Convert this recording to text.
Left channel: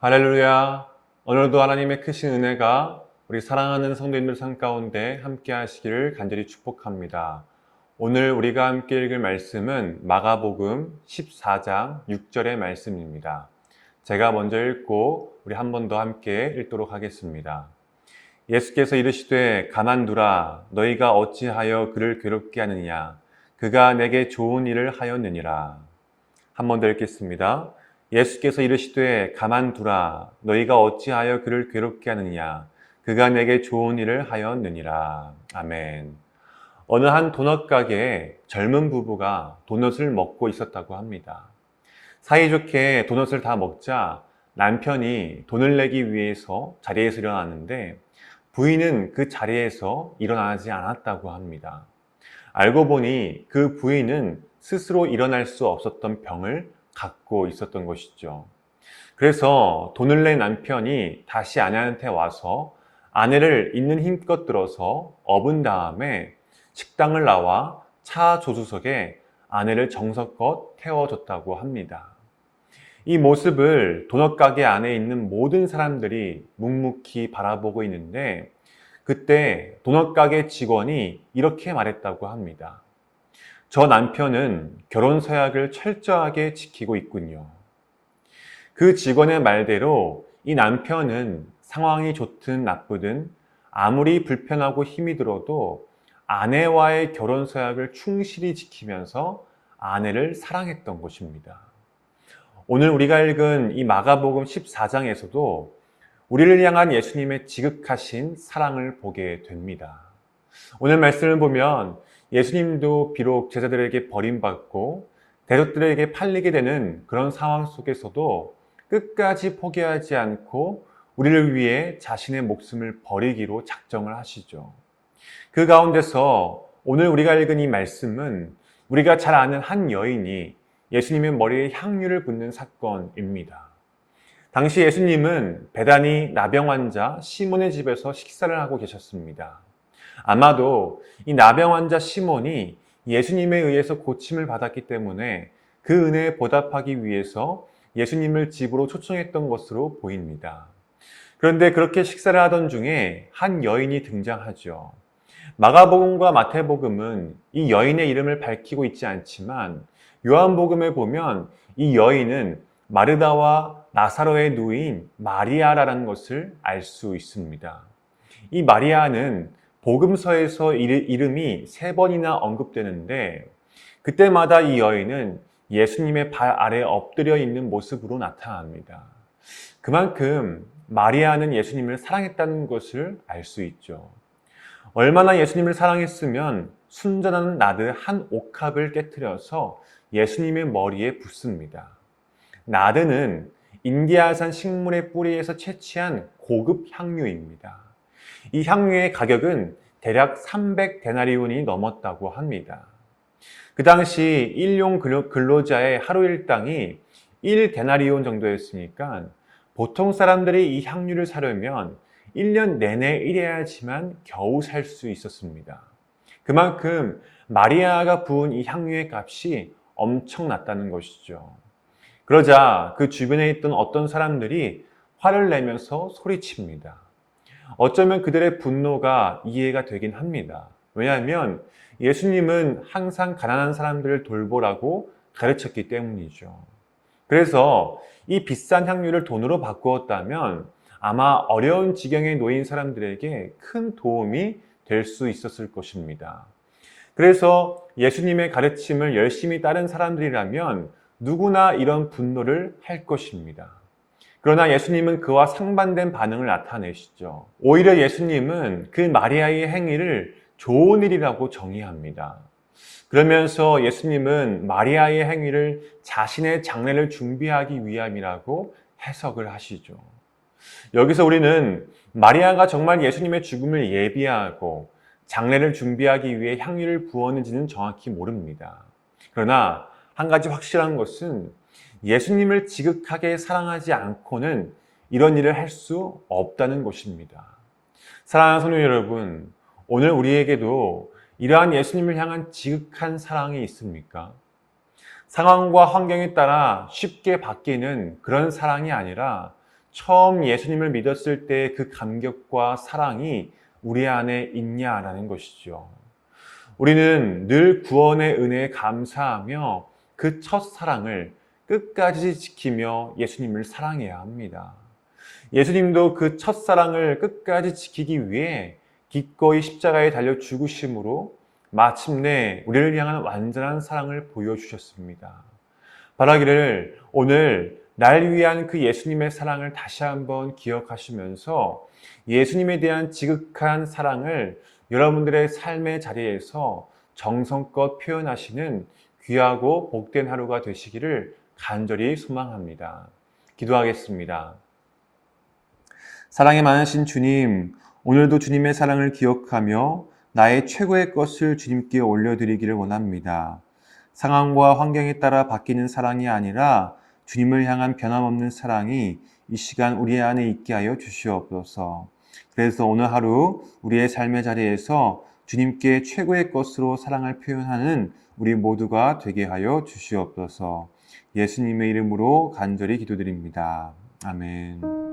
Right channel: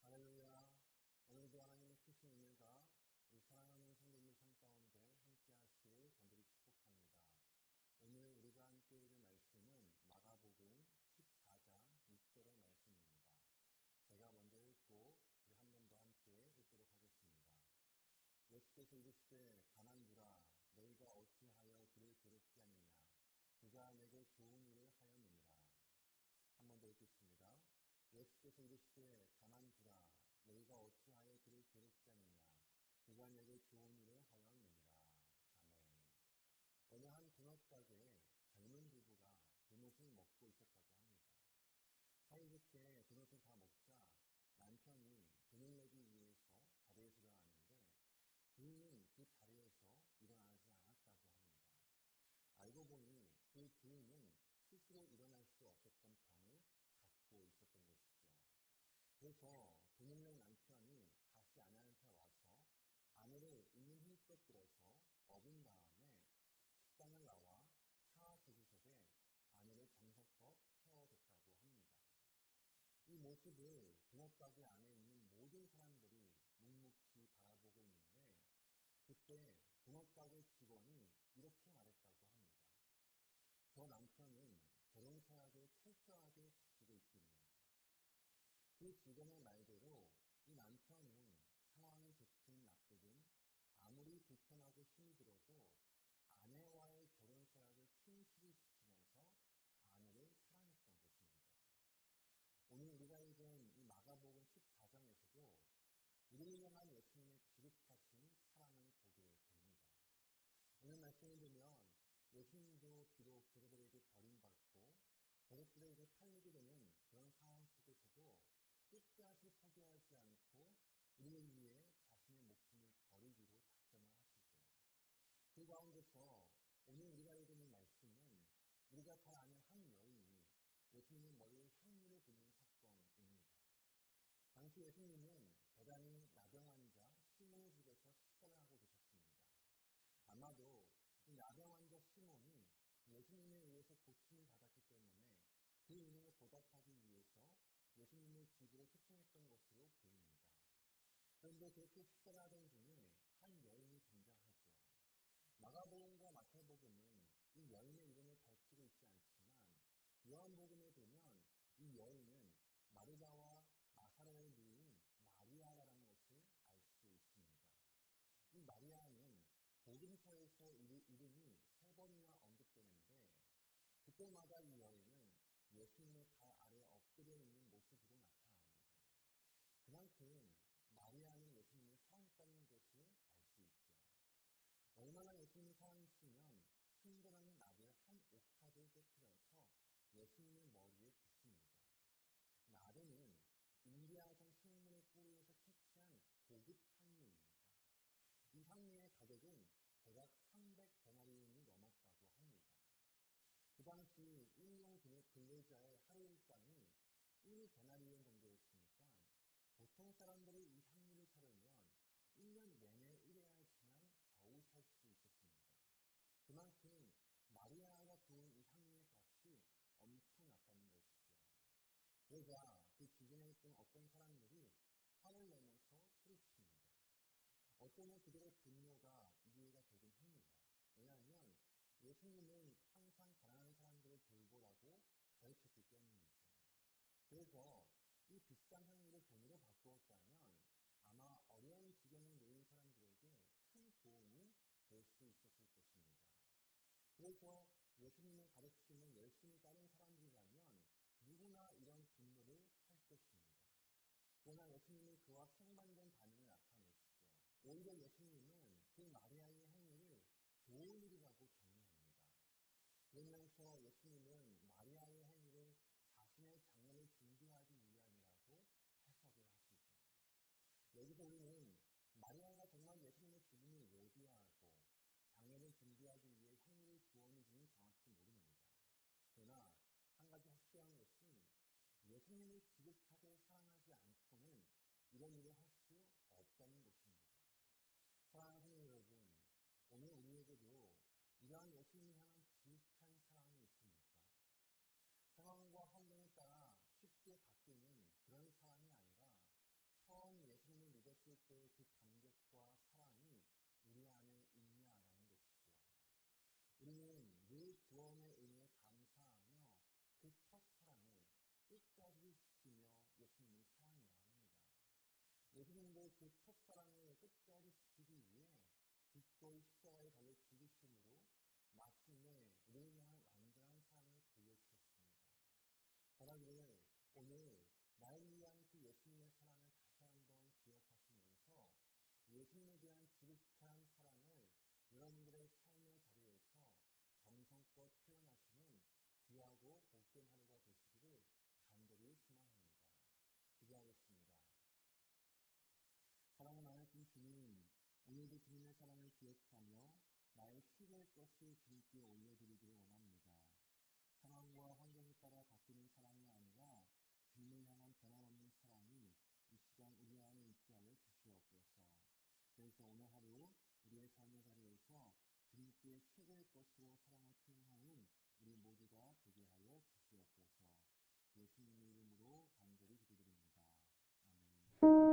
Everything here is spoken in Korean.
할렐루야. 오늘도 하나님의 크신 은혜가 우리 사랑하는 성도님들 삶 가운데 함께 하시기를 간절히 축복합니다. 오늘 우리가 함께 읽을 말씀은 마가복음 14장 6절의 말씀입니다. 제가 먼저 읽고 우리 한 번 더 함께 읽도록 하겠습니다. 예수께서 이르시되 가만두라. 너희가 어찌하여 그를 괴롭게 하느냐. 그가 내게 좋은 일을 하였느니라. 한 번 더 읽겠습니다. 예수께서 이르시되 가만두라. 너희가 어찌하여 그를 괴롭게 하느냐. 그가 내게 좋은 일을 하였느니라. 아멘. 어느 한 도넛 가게에 젊은 부부가 도넛을 먹고 있었다고 합니다. 사이좋게 도넛을 다 먹자 남편이 돈을 내기 위해서 자리에서 일어났는데 부인은 그 자리에서 일어나지 않았다고 합니다. 알고 보니 그 부인은 스스로 일어날 수 없었던 병을 갖고 있었던 것이죠. 그래서 돈을 낸 남편이 다시 아내한테 와서 아내를 있는 힘껏 들어서 업은 다음에 식당을 나와 차 조수석에 아내를 정성껏 태워줬다고 합니다. 이 모습을 도넛 가게 안에 있는 모든 사람들이 묵묵히 바라보고 있는데 그때 도넛 가게 직원이 이렇게 말했다고 합니다. 저 남편은 결혼 서약을 철저하게 지키고 있군요. 그 직원의 말대로 이 남편은 상황이 좋든 나쁘든 아무리 불편하고 힘이 들어도 아내와의 결혼 서약을 충실히 지키면서 아내를 사랑했던 것입니다. 오늘 우리가 읽은 이 마가복음 14장에서도 우리를 향한 예수님의 지극하신 사랑을 보게 됩니다. 오늘 말씀을 보면 예수님도 비록 제자들에게 버림받고 대적들에게 팔리게 되는 그런 상황 속에서도 끝까지 포기하지 않고 우리를 위해 자신의 목숨을 버리기로 작정을 하시죠. 그 가운데서 오늘 우리가 읽은 이 말씀은 우리가 잘 아는 한 여인이 예수님의 머리에 향유를 붓는 사건입니다. 당시 예수님은 베다니 나병 환자 시몬의 집에서 식사를 하고 계셨습니다. 아마도 이 나병 환자 시몬이 예수님에 의해서 고침을 받았기 때문에 그 은혜에 보답하기 위해서 예수님을 집으로 초청했던 것으로 보입니다. 그런데 그렇게 식사를 하던 중에 한 여인이 등장하죠. 마가복음과 마태복음은 이 여인의 이름을 밝히고 있지 않지만 요한복음에 보면 이 여인은 마르다와 나사로의 누이인 마리아라는 것을 알 수 있습니다. 이 마리아는 복음서에서 이름이 3번이나 언급되는데 그때마다 이 여인은 예수님의 발 아래 엎드려 있는 모습으로 나타납니다. 그만큼 마리아는 예수님을 사랑했다는 것을 알 수 있죠. 얼마나 예수님을 사랑했으면 순전한 나드 한 옥합을 깨트려서 예수님의 머리에 붓습니다. 나드는 인디아산 식물의 뿌리에서 채취한 고급 향유입니다. 이 향유의 가격은 대략 300데나리온이 넘었다고 합니다. 그 당시 일용 근로자의 하루 일당이 1데나리온 정도였으니까 보통 사람들이 이 향유를 사려면 1년 내내 일해야지만 겨우 살 수 있었습니다. 그만큼 마리아가 부은 이 향유의 값이 엄청났다는 것이죠. 그러자 그 주변에 있던 어떤 사람들이 화를 내면서 소리칩니다. 어쩌면 그들의 분노가 이해가 되긴 합니다. 왜냐하면 예수님은 항상 가난한 사람들을 돌보라고 가르쳤기 때문이죠. 그래서 이 비싼 향유를 돈으로 바꾸었다면 아마 어려운 지경에 놓인 사람들에게 큰 도움이 될 수 있었을 것입니다. 그래서 예수님의 가르침을 열심히 따른 사람들이라면 누구나 이런 분노를 할 것입니다. 그러나 예수님은 그와 상반된 반응을 나타내시죠. 오히려 예수님은 그 마리아의 행위를 좋은 일이라고 정의합니다. 그러면서 예수님은 마리아의 행위를 자신의 장례를 준비하기 위함이라고 해석을 하시죠. 여기서 우리는 마리아가 정말 예수님의 죽음을 예비하고 장례를 준비하기 위해 향유를 부었는지는 정확히 모릅니다. 그러나 한 가지 확실한 것은 예수님을 지극하게 사랑하지 않고는 이런 일을 할 수 없다는 것입니다. 사랑하는 성도 여러분, 오늘 우리에게도 이러한 예수님을 향한 지극한 사랑이 있습니까? 상황과 환경에 따라 쉽게 바뀌는 그런 사랑이 아니라 처음 예수님을 믿었을 때 그 감격과 사랑이 우리 안에 있냐라는 것이죠. 우리는 늘 구원의 은혜에 감사하며 그 첫사랑을 끝까지 지키며 예수님을 사랑해야 합니다. 예수님도 그 첫사랑을 끝까지 지키기 위해 기꺼이 십자가에 달려 죽으심으로 마침내 우리를 향한 완전한 사랑을 보여주셨습니다. 바라기를 오늘 날 위한 그 예수님의 사랑을 다시 한번 기억하시면서 예수님에 대한 지극한 사랑을 여러분들의 삶의 자리에서 정성껏 표현하시는 귀하고 복된 하루가 되시기를 간절히 소망합니다. 기도하겠습니다. 사랑이 많으신 주님, 오늘도 주님의 사랑을 기억하며 나의 최고의 것을 주님께 올려드리기를 원합니다. 상황과 환경에 따라 바뀌는 사랑이 아니라 주님을 향한 변함없는 사랑이 이 시간 우리 안에 있게 하여 주시옵소서. 그래서 오늘 하루 우리의 삶의 자리에서 주님께 최고의 것으로 사랑을 표현하는 우리 모두가 되게 하여 주시옵소서. 예수님의 이름으로 간절히 기도드립니다. 아멘.